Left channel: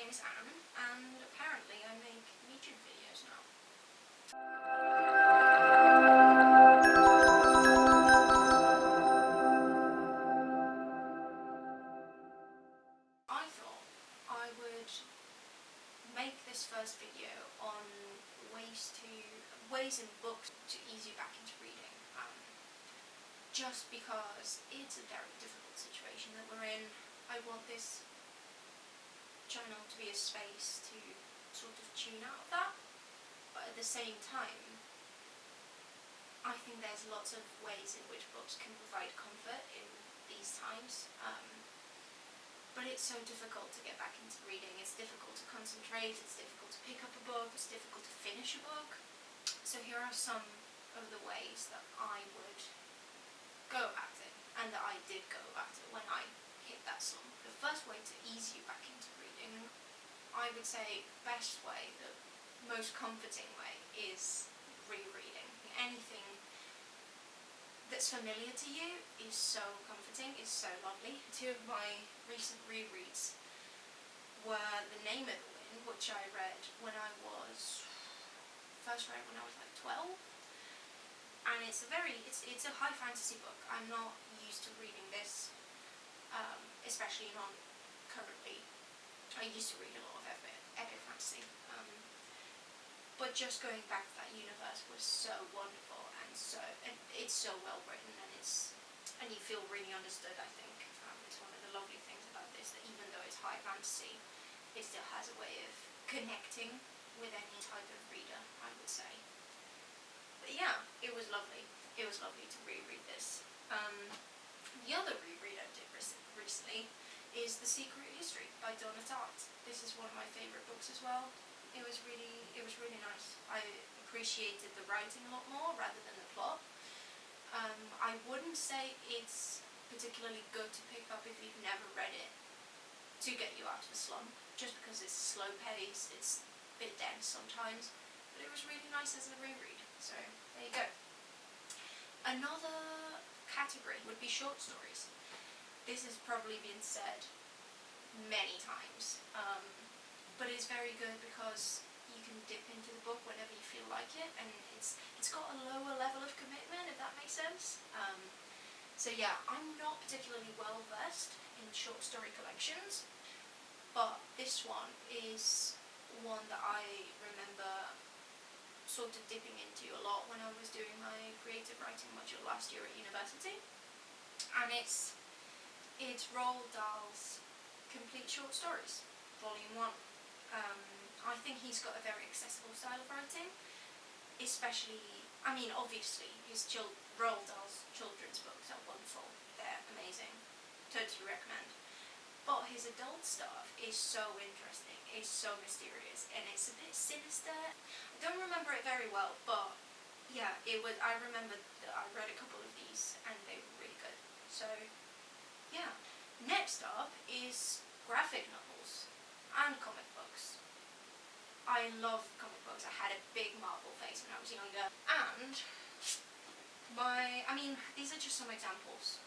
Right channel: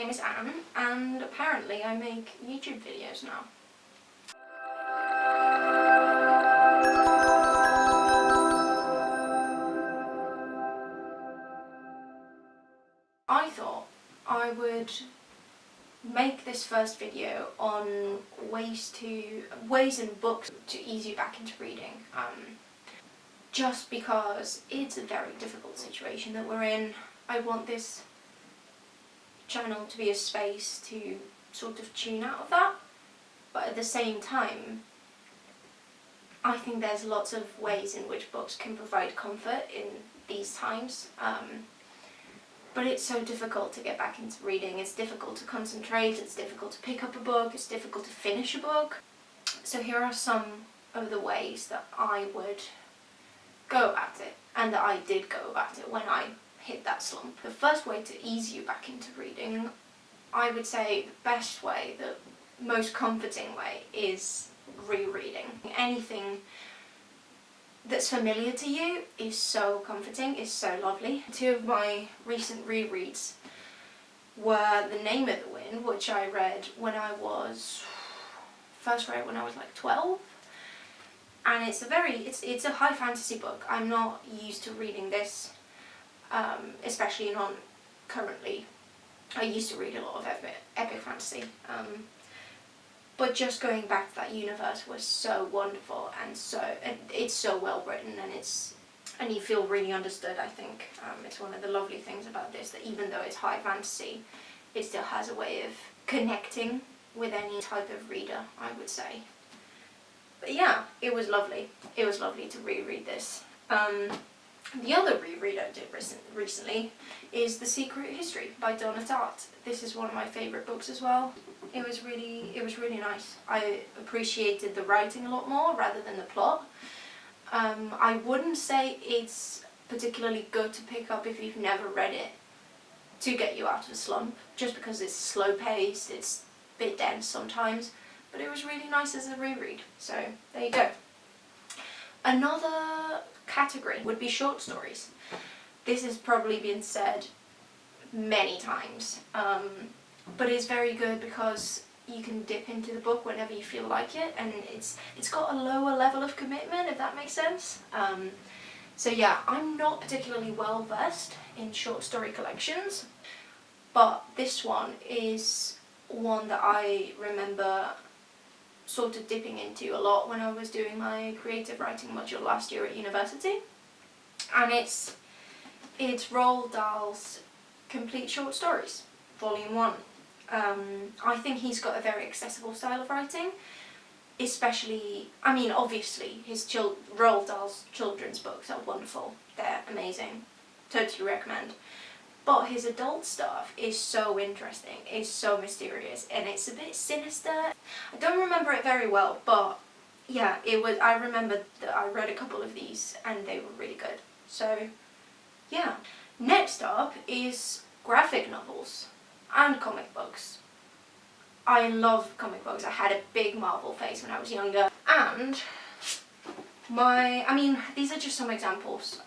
name is Anne, and apparently I make YouTube videos now. I thought I would make this first video on ways in books to ease you back into reading. Just because it's a very difficult situation that we're in. I want this channel to be a space to sort of tune out of that, but at the same time I think there's lots of ways in which books can provide comfort in these times, but it's so difficult to get back into reading. It's difficult to concentrate, it's difficult to pick up a book, it's difficult to finish a book. So here are some of the ways that I would go about it, and that I did go about it when I hit that slump. The first way to ease you back into reading, I would say the best way, the most comforting way, is rereading. Anything that's familiar to you is so comforting, is so lovely. Two of my recent rereads were The Name of the Wind, which I read when I was, first read when I was like 12. And it's a high fantasy book. I'm not used to reading this, especially not currently. I used to read a lot of epic fantasy, but just going back to that universe was so wonderful, and it's so well written, and you feel really understood. I think it's one of the lovely things about this, that even though it's high fantasy, it still has a way of connecting with any type of reader, I would say. But yeah, it was lovely. It was lovely to reread this. The other reread I did recently is The Secret History by Donna Tartt. This is one of my favourite books as well. It was really nice. I appreciated the writing a lot more rather than the plot. I wouldn't say it's particularly good to pick up if you've never read it to get you out of a slump, just because it's slow paced, it's a bit dense sometimes. But it was really nice as a reread, so there you go. Another category would be short stories. This has probably been said many times, but it's very good because you can dip into the book whenever you feel like it, and it's got a lower level of commitment, if that makes sense. So yeah, I'm not particularly well versed in short story collections, but this one is one that I remember sort of dipping into a lot when I was doing my creative writing module last year at university, and it's Roald Dahl's Complete Short Stories, Volume 1. I think he's got a very accessible style of writing, especially, I mean, obviously Roald Dahl's children's books are wonderful, they're amazing, totally recommend. But his adult stuff is so interesting, it's so mysterious, and it's a bit sinister. I don't remember it very well, but yeah, I remember that I read a couple of these and they were really good. So yeah. Next up is graphic novels and comic books. I love comic books. I had a big Marvel phase when I was younger, and these are just some examples.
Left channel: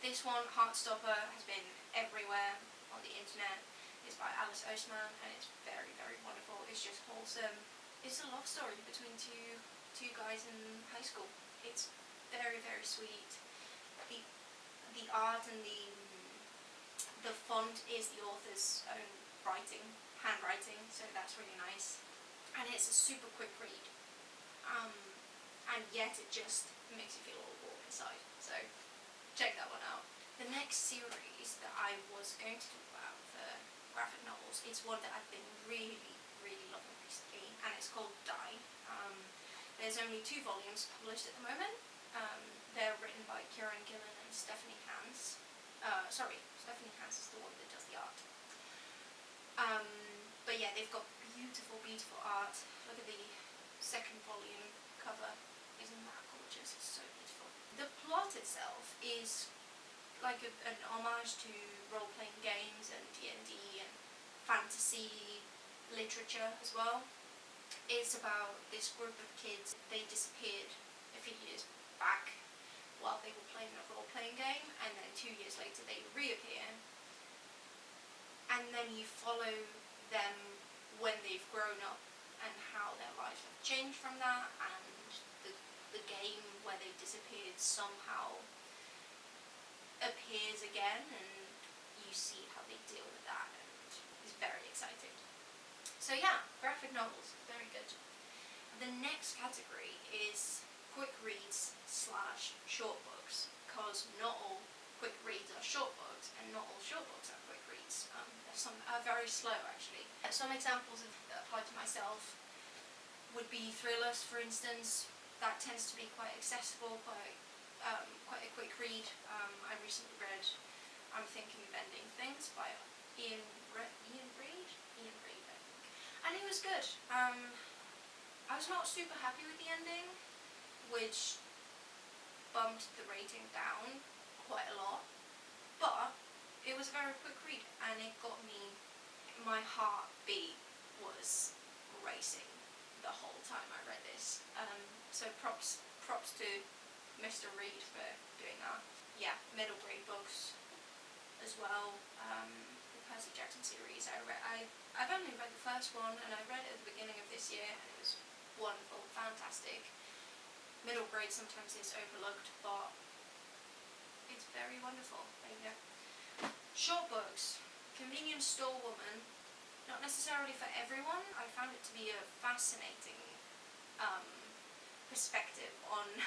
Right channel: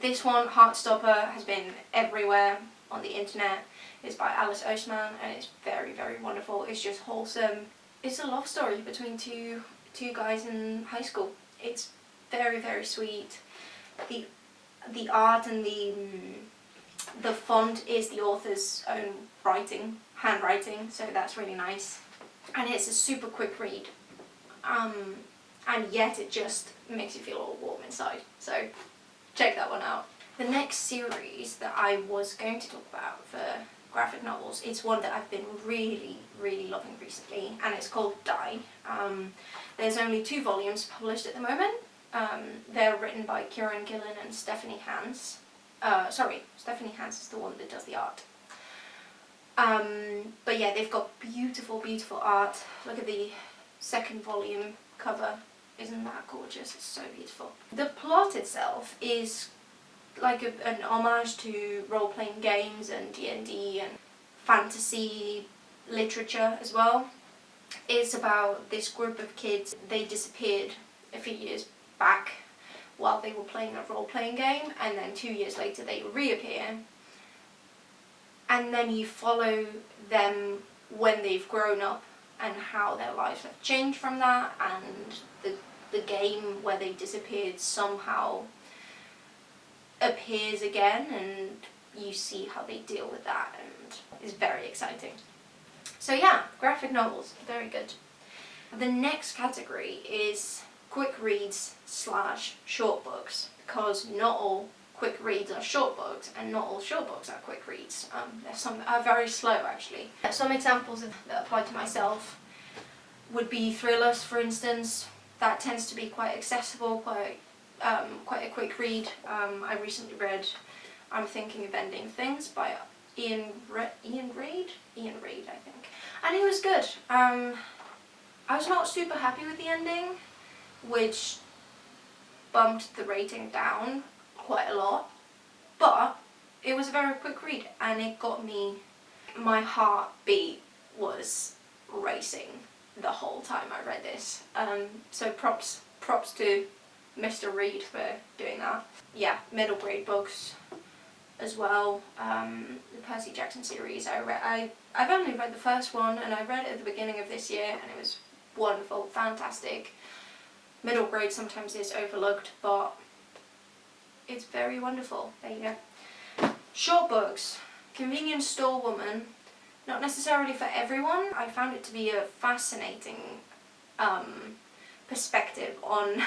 This one, Heartstopper, has been everywhere on the internet. It's by Alice Oseman, and it's very, very wonderful. It's just wholesome. It's a love story between two guys in high school. It's very, very sweet. The art and the font is the author's own handwriting, so that's really nice. And it's a super quick read, and yet it just makes you feel all warm inside. So check that one out. The next series that I was going to talk about for graphic novels, it's one that I've been really, really loving recently, and it's called Die. There's only 2 volumes published at the moment. They're written by Kieron, Gillen and Stephanie Hans. Stephanie Hans is the one that does the art. But yeah, they've got beautiful, beautiful art. Look at the 2nd volume cover. Isn't that gorgeous? It's so beautiful. The plot itself is like an homage to role-playing games and D&D and fantasy literature as well. It's about this group of kids. They disappeared a few years back while they were playing a role-playing game, and then 2 years later they reappear, and then you follow them when they've grown up and how their lives have changed from that, and the game where they disappeared somehow appears again, and you see how they deal with that, and it's very exciting. So yeah, graphic novels, very good. The next category is quick reads / short books, because not all quick reads are short books, and not all short books are quick reads. There's some that are very slow, actually. Some examples that apply to myself would be thrillers, for instance. That tends to be quite accessible, quite a quick read. I recently read I'm Thinking of Ending Things by Ian Reid, I think, and it was good. I was not super happy with the ending, which bumped the rating down quite a lot, but it was a very quick read, and it got me, my heartbeat was racing the whole time I read this. So props to Mr. Reid for doing that. Yeah, middle grade books as well. The Percy Jackson series, I've only read the first one, and I read it at the beginning of this year, and it was wonderful, fantastic. Middle grade sometimes is overlooked, but it's very wonderful. There you go. Short books. Convenience Store Woman. Not necessarily for everyone. I found it to be a fascinating perspective on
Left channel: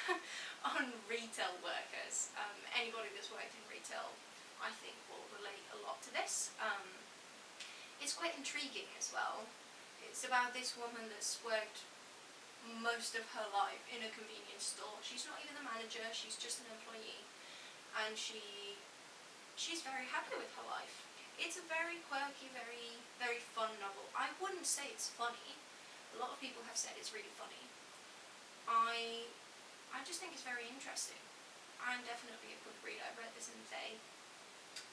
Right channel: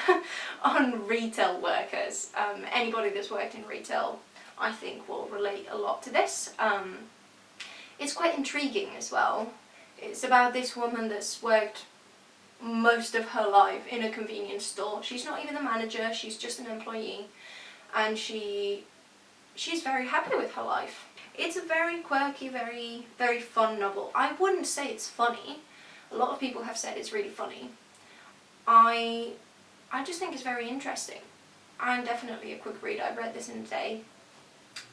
on retail workers. Anybody that's worked in retail, I think, will relate a lot to this. It's quite intriguing as well. It's about this woman that's worked most of her life in a convenience store. She's not even the manager, she's just an employee, and she's very happy with her life. It's a very quirky, very fun novel. I wouldn't say it's funny. A lot of people have said it's really funny. I just think it's very interesting, and definitely a quick read. I read this in a day.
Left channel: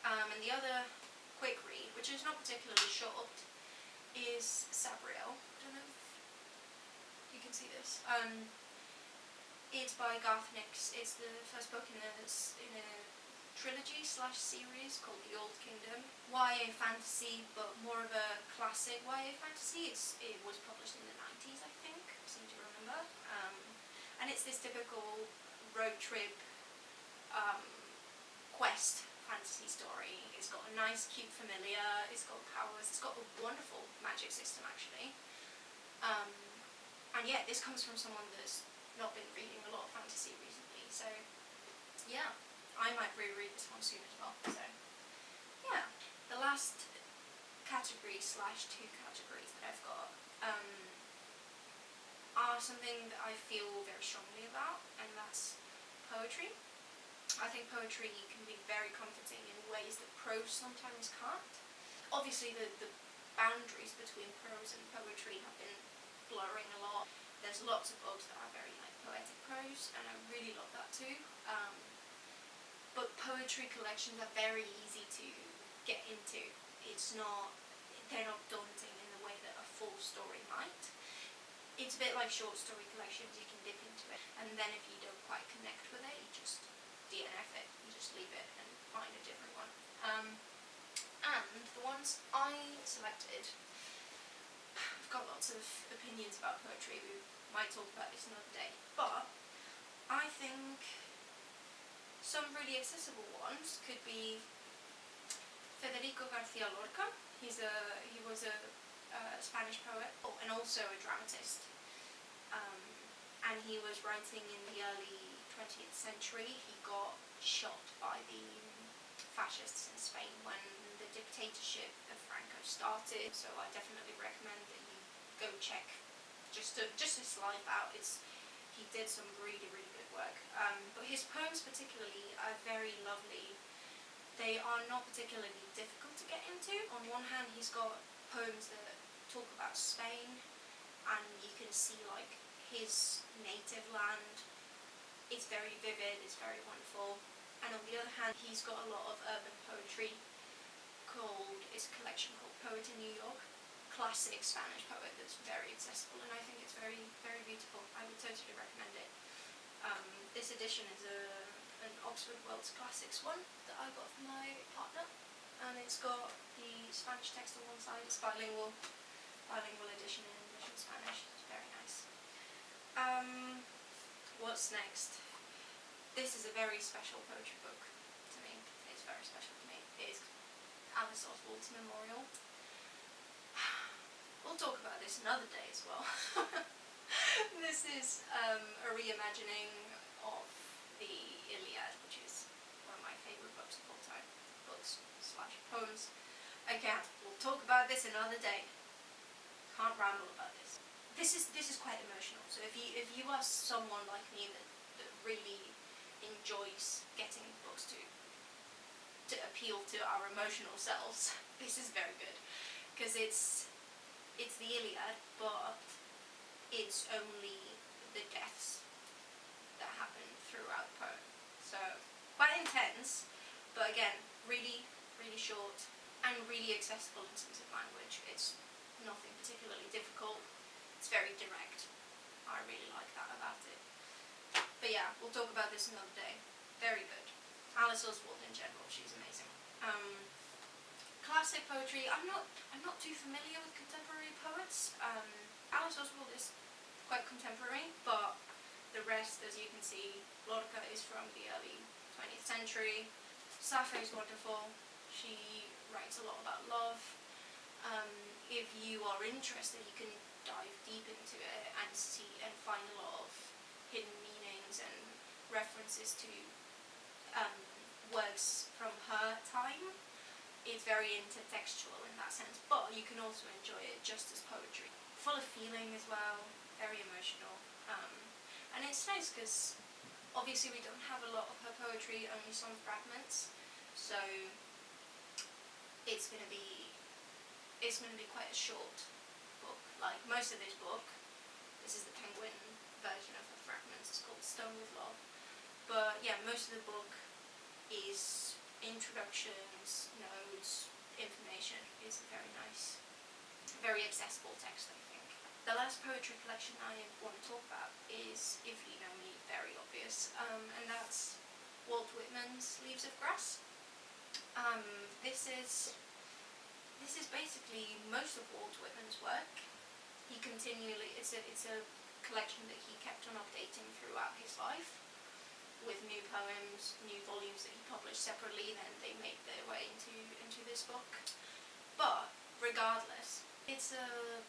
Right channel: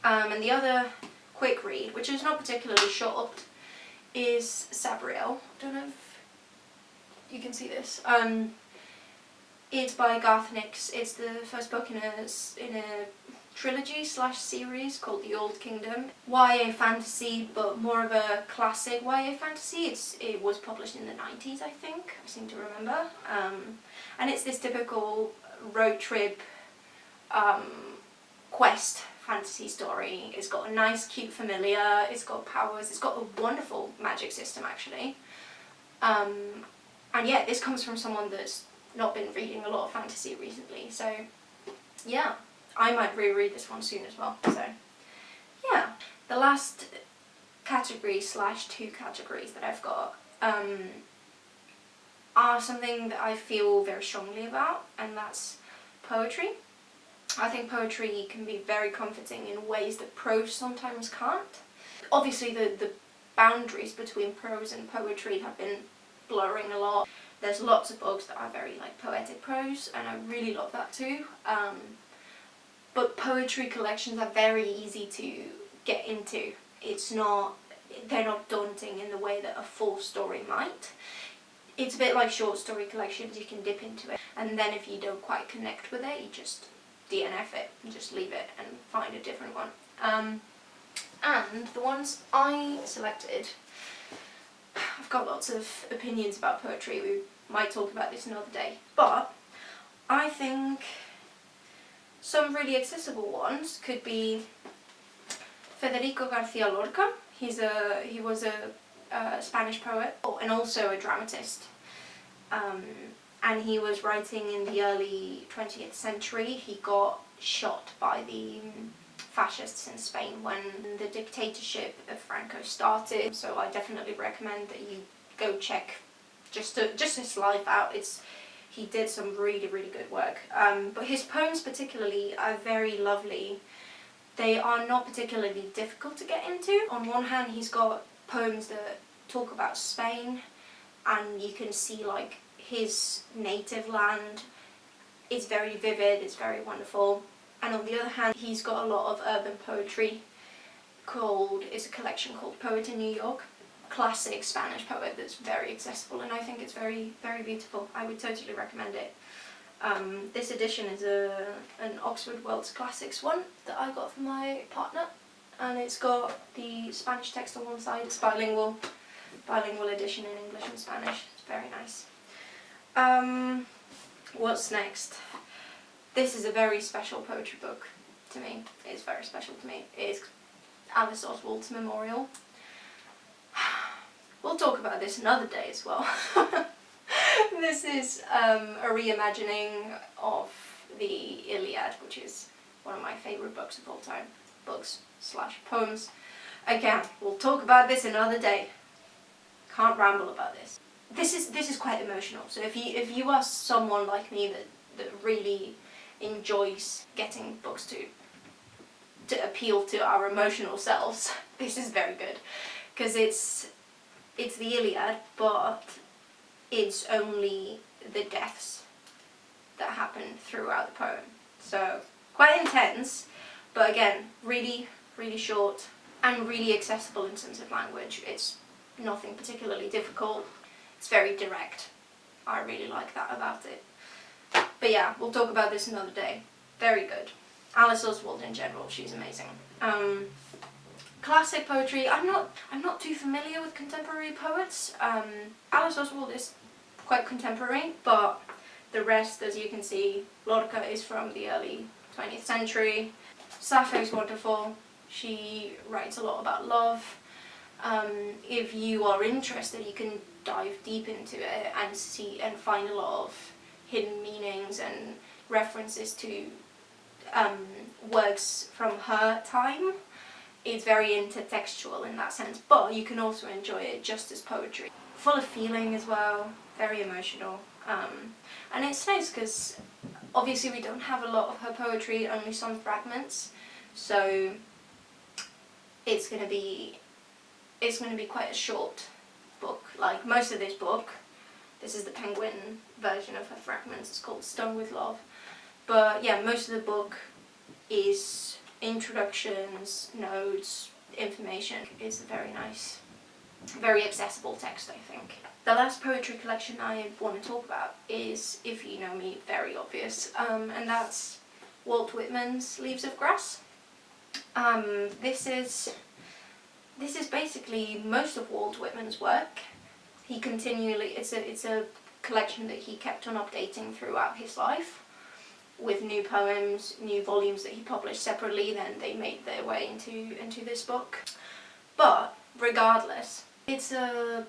And the other quick read, which is not particularly short, is Sabriel. I don't know if you can see this. It's by Garth Nix. It's the first book in a trilogy / series called The Old Kingdom. YA fantasy, but more of a classic YA fantasy. It was published in the 90s, I think. I seem to remember. And it's this typical road trip quest fantasy story. It's got a nice, cute familiar. It's got powers. It's got a wonderful magic system, actually. And yeah, this comes from someone that's not been reading a lot of fantasy recently. So yeah, I might reread this one soon as well. So yeah, the last category / 2 categories that I've got are something that I feel very strongly about, and that's poetry. I think poetry can be very comforting in ways that prose sometimes can't. Obviously the boundaries between prose and poetry have been blurring a lot. There's lots of books that are very poetic prose, and I really love that too. But poetry collections are very easy to get into. They're not daunting in the way that a full story might. It's a bit like short story collections. You can dip into it, and then if you don't quite connect with it, you just DNF it and just leave it and find a different one. And the ones I selected, I've got lots of opinions about poetry. We might talk about this another day, but I think some really accessible ones could be Federico Garcia Lorca. He was a Spanish poet and also a dramatist. And he was writing in the early 20th century. He got shot by the fascists in Spain when the dictatorship of Franco started. So I definitely recommend that you go check just his life out. He did some really good work. But his poems particularly are very lovely. They are not particularly difficult to get into. On one hand, he's got poems that talk about Spain, and you can see his native land. It's very vivid, it's very wonderful. And on the other hand, he's got a lot of urban poetry. It's a collection called Poet in New York. Classic Spanish poet that's very accessible, and I think it's very beautiful. I would totally recommend it. This edition is an Oxford World's Classics one that I got for my partner. and it's got the Spanish text on one side. It's bilingual edition in English and Spanish. It's very nice. What's next? This is a very special poetry book to me. It's very special to me. It's Alice Oswald's Memorial. We'll talk about this another day as well. This is a reimagining of the Iliad, which is one of my favourite books of all time. Books/poems. Again, we'll talk about this another day. Can't ramble about this. This is quite emotional. So if you are someone like me that really enjoys getting books to appeal to our emotional selves, this is very good, because it's the Iliad, but it's only the deaths that happen throughout the poem. So quite intense, but again, really, really short and really accessible in terms of language. It's nothing particularly difficult. It's very direct. I really like that about it. But yeah, we'll talk about this another day. Very good. Alice Oswald in general, she's amazing. Classic poetry. I'm not too familiar with contemporary poets. Alice Oswald is quite contemporary, but the rest, as you can see, Lorca is from the early 20th century. Sappho is wonderful. She writes a lot about love. If you are interested, you can dive deep into it and see and find a lot of hidden meanings and references to works from her time. It's very intertextual in that sense, but you can also enjoy it just as poetry. Full of feeling as well, very emotional. And it's nice because obviously we don't have a lot of her poetry, only some fragments, so it's going to be quite a short book. Like most of this book, this is the Penguin version of her fragments, it's called Stung with Love. But yeah, most of the book is introductions, notes, information. It's a very nice, very accessible text, I think. The last poetry collection I want to talk about is, if you know me, very obvious, and that's Walt Whitman's Leaves of Grass. This is basically most of Walt Whitman's work. It's a collection that he kept on updating throughout his life, with new poems, new volumes that he published separately, then they made their way into this book. But regardless, it's a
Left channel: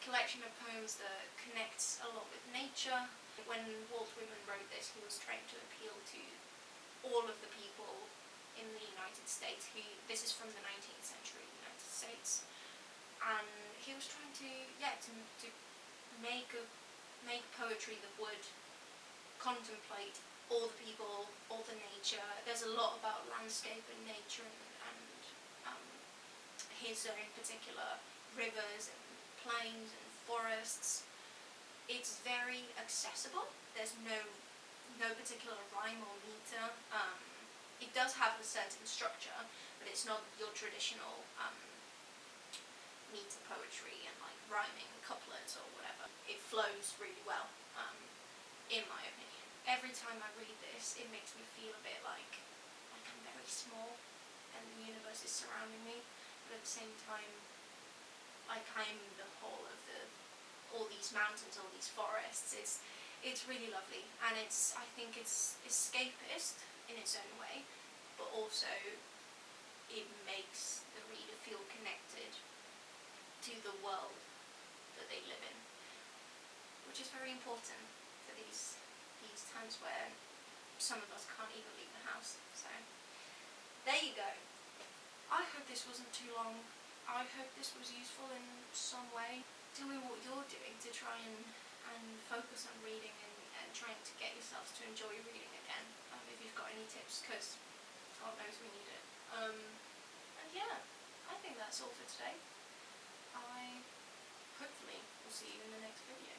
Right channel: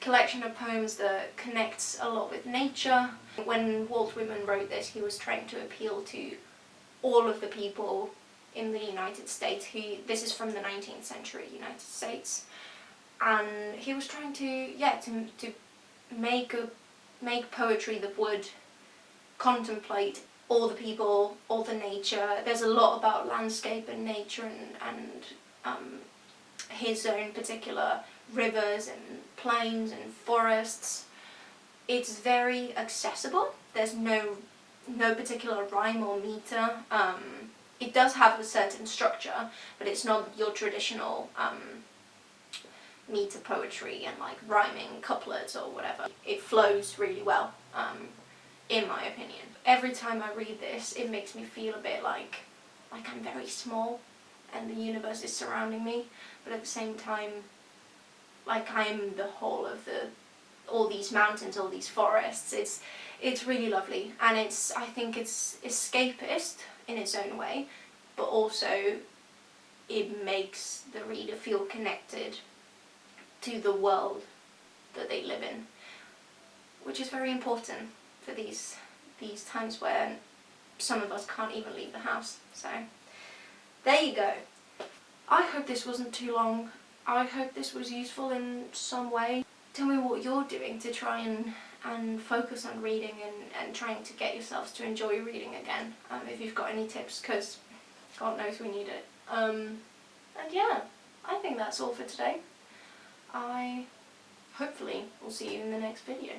collection of poems that connects a lot with nature. When Walt Whitman wrote this, he was trying to appeal to all of the people in the United States. This is from the 19th century United States, and he was trying to make poetry that would contemplate all the people, all the nature. There's a lot about landscape and nature and his own particular rivers and plains and forests. It's very accessible. There's no particular rhyme or meter. It does have a certain structure, but it's not your traditional meter poetry and like rhyming couplets or whatever. It flows really well, in my opinion. Every time I read this, it makes me feel a bit like I'm very small and the universe is surrounding me, but at the same time, like I am the whole of all these mountains, all these forests. It's really lovely, and I think it's escapist in its own way, but also it makes the reader feel connected to the world that they live in, which is very important for these times where some of us can't even leave the house. So there you go. I hope this wasn't too long. I hope this was useful in some way. Tell me what you're doing to try and focus on reading and trying to get yourselves to enjoy reading again. If you've got any tips, because God knows we need it. And yeah, I think that's all for today. I hopefully will see you in the next video.